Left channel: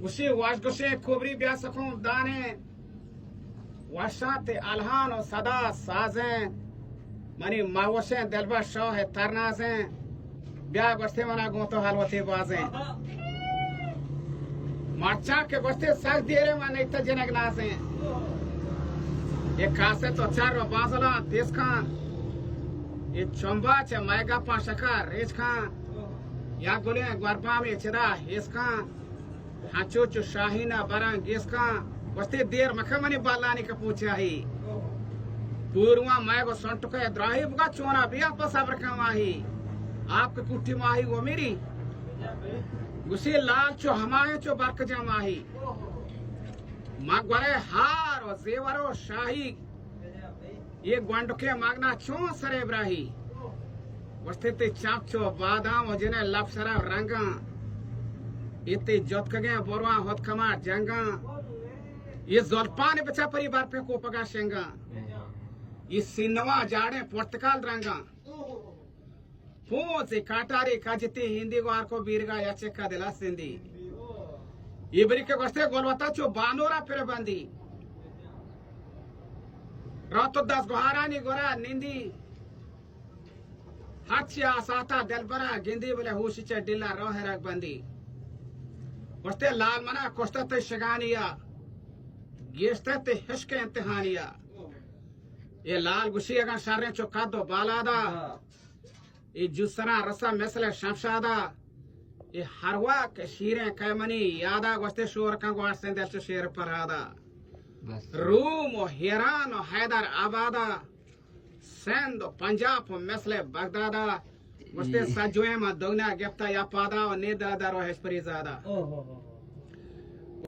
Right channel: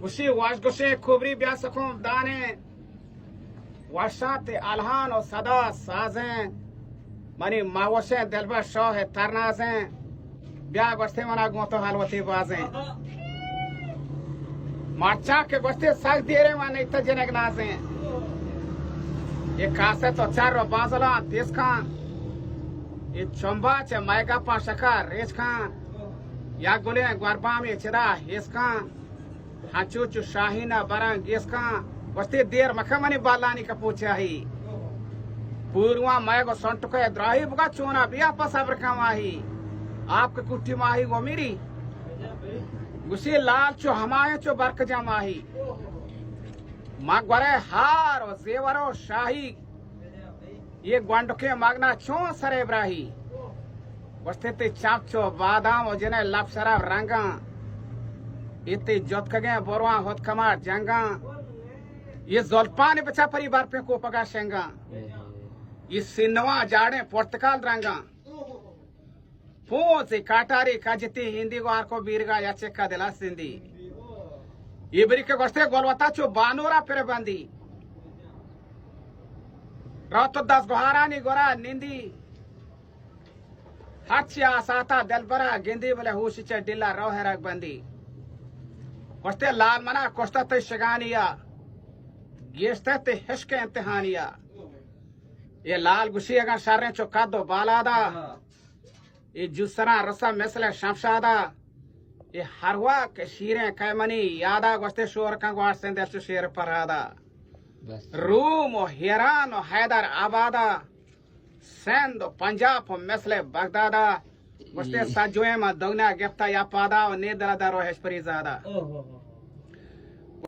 Gushi wash gushe kubri biasakun dane washate alhan o sada sazen mani mawashe delba shah tarnazen bia goste mana goto halwati bazen macha ke goste sag dire mane ita jenek nazen ye kase to char bazala des khan ye chomba che maiga pa shakar rej khan ya gule gwarba me cheda hes khan हाचुचु Shaheena बरंग गेसका वस्ते देर मखमनी बालानी का पूछा ही पूर्वा मैगो संटके द्राही बुगा चोना बिया पसाबर कमाही आपके कुट्टी माही वो मेरी गुसी लाल चो हमाये चो बरक जमाही मगवरे हार और जेवरो शाही ये ग्वांडके मागना चों सरे ब्राही वस्ते ते चाप चो बादाम और जिने लपसरा रंगा इतने जोत कगे बोरवा होत कमार जंगा ये जोल्पान बचा परिवार पे को पगा शेंगा ये सिनवा जाड़े पुर्तकाल रंगा पूंचे काटारी काजती हिंदी को आरको बीरगा या चेक्का दिला सिंधी ये बरी के गोस्ते गोलवता चो बानोरा पेरे बंदी रातो 10 गोहारानी गोरा निंदी हाचिया साता दिलबरा गिंदी बले हुशी चे डिल्ला रोहरक बंदी कोस्ते लाल मना कोस्ता ते शगानिया गेस्ते ते हिशके इम्तिहानिया ये लाल गुशी अगर शारे चौका दो बालादा ये जुसरा रसा मिसले शमशादा ये हरवा के शीरे कैमनी यादा गोस्ते शोर का ग्वार सेंदर चो शेर परादा रूम और हिरान और हैदर आबादा सेंद पंजाब और मिसले बगदादा वस्ते साजुए में दोगना गिफ्ता या पादा और नेदला दरो हेस्परी ज़्यादा